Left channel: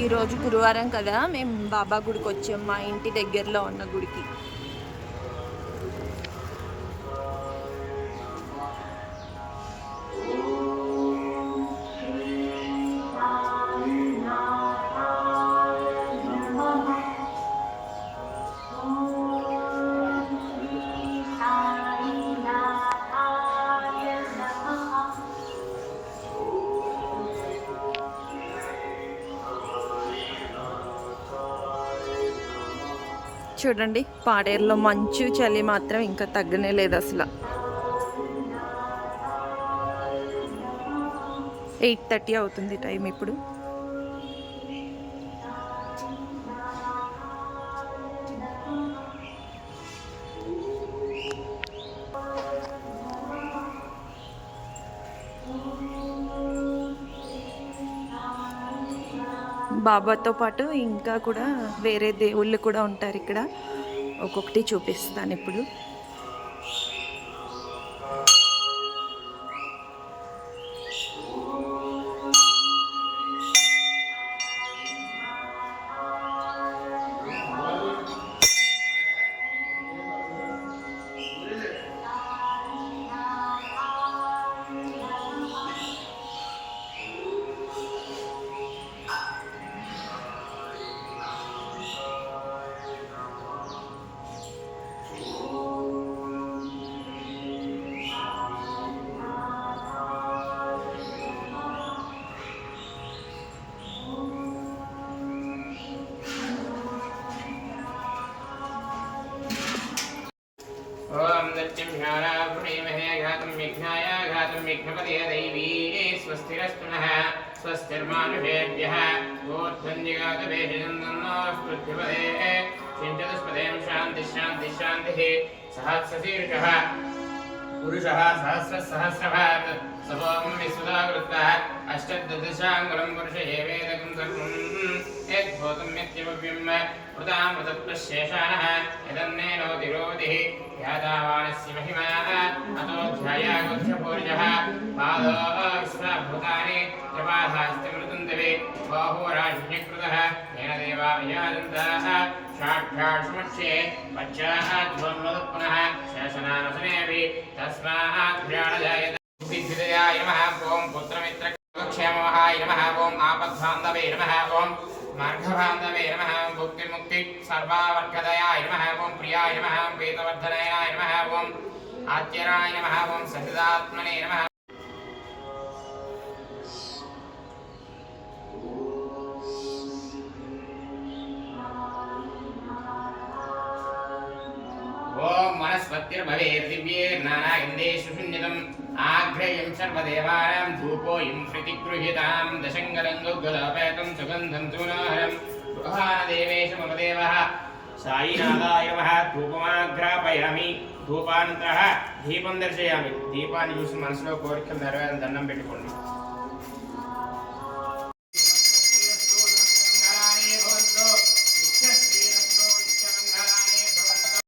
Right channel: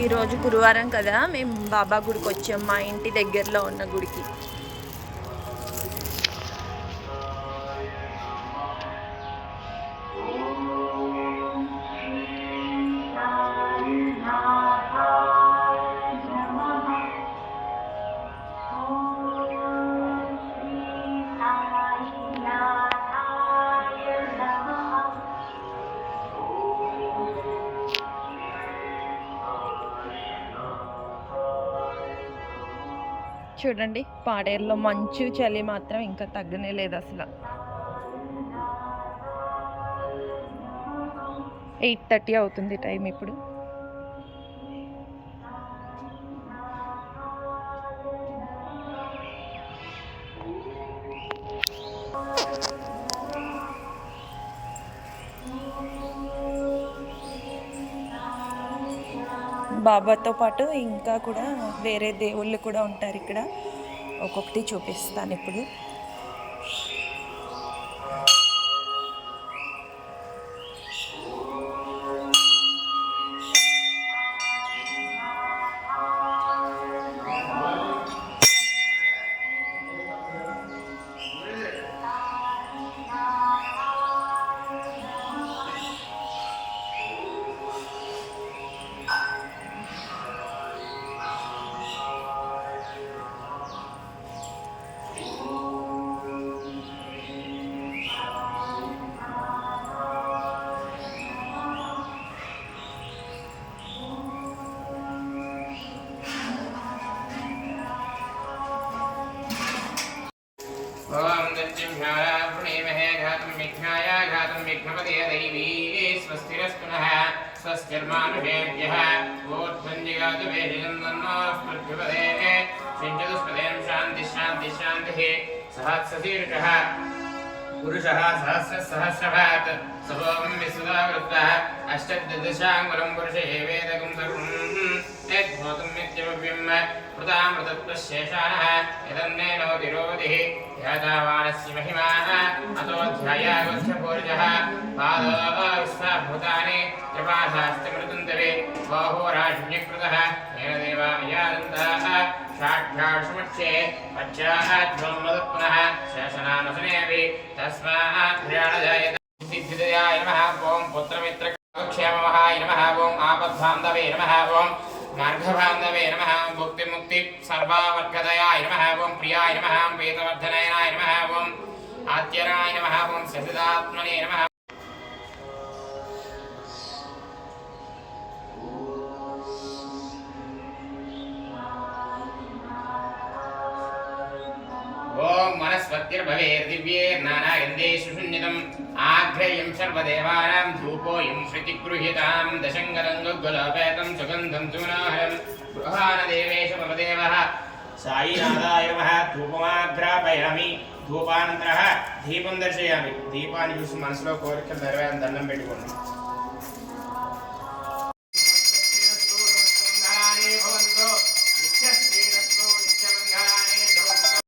ఈరోజు గురువారం కదా, మేము బాబా గుడికి వచ్చాం, మా ఇంటి దగ్గరలో ఉన్న గుడికి. చూడండి, పాడేరులో మంచు చలి మాత్రం ఇంకా తగ్గనే లేదు అసలు. 8:30 అవుతుంది టైం ఇప్పుడు. బాబాతో పాటు ఇంకా కూడా వేరే దేవుళ్ళు కూడా ఉంటారు ఇక్కడ. ఒక్కొక్కటి చూపిస్తాను ఇప్పుడు. ओम नृत्यम्यारावृणीमहे घातं विघ्नाय घातं विघ्नपदे दैवी स्वस्तिरस्तुनः स्वस्तिर्मानुषेभ्यः ऊर्ध्वञ्जिगातु वेदिनन्दन्नः पृथ्वीपदे चिञ्चतुष्पदें शान्तिः शान्तिः शान्तिः सहस्रशीर्षः पुरुषः सहस्रसहस्रभात् सभोमं विश्वदावृत्तः अष्टदशाङ्गुलं पुरुषे वेदकं सर्वं यद्भूतं नित्यमव्यं कृतामृतत्वशेषाणः यदन्नेनोतिरोधिः ध्यातावानस्य महिमाः अतोऽध्यायागोष्ठपूर्जः पादो विश्वभूतानि त्रिपाधास्तिमृतन्तवे बाहोराशिण्यकृतः येन देवा विजानन्ताः साक्षात्समक्षे पश्चाद्ध्वंवदत्पुनः शेषनामसनेऽपि तस्मात् ध्यानजायते सिद्धिदयाय नमः। ॐ पुत्रमित्रक्षेममहाय नमः। ॐ आपद्बान्धवे नमः। ॐ मार्गबान्धवे नमः। भुक्तिमुक्ति सर्वावर्गदयाय नमः। ॐ प्रियाय नमः। ॐ वेदवर्धनाय नमः। ॐ आद्यराय नमः। ॐ सचिदात्मने नमः। ओम मनस्पतिर्भवेर्दिव्यैर्नानागन्धे सुषुण्यतम् आघ्रेयं सर्वदेवानां धूपोऽयं श्रुतिगृह्यतां दशङ्गरङ्गुलोपेतं सुगन्धं सुमनोहरं बृहानदेवेश मम देवः साईनाथाय नमः। धूपमाघ्रापयामि। धूपानन्तरः दीपं दर्शयामि। दीपाన్ని చూసి మనసులో కోరికలు నెరవేరాలని దండం పెట్టుకోండి।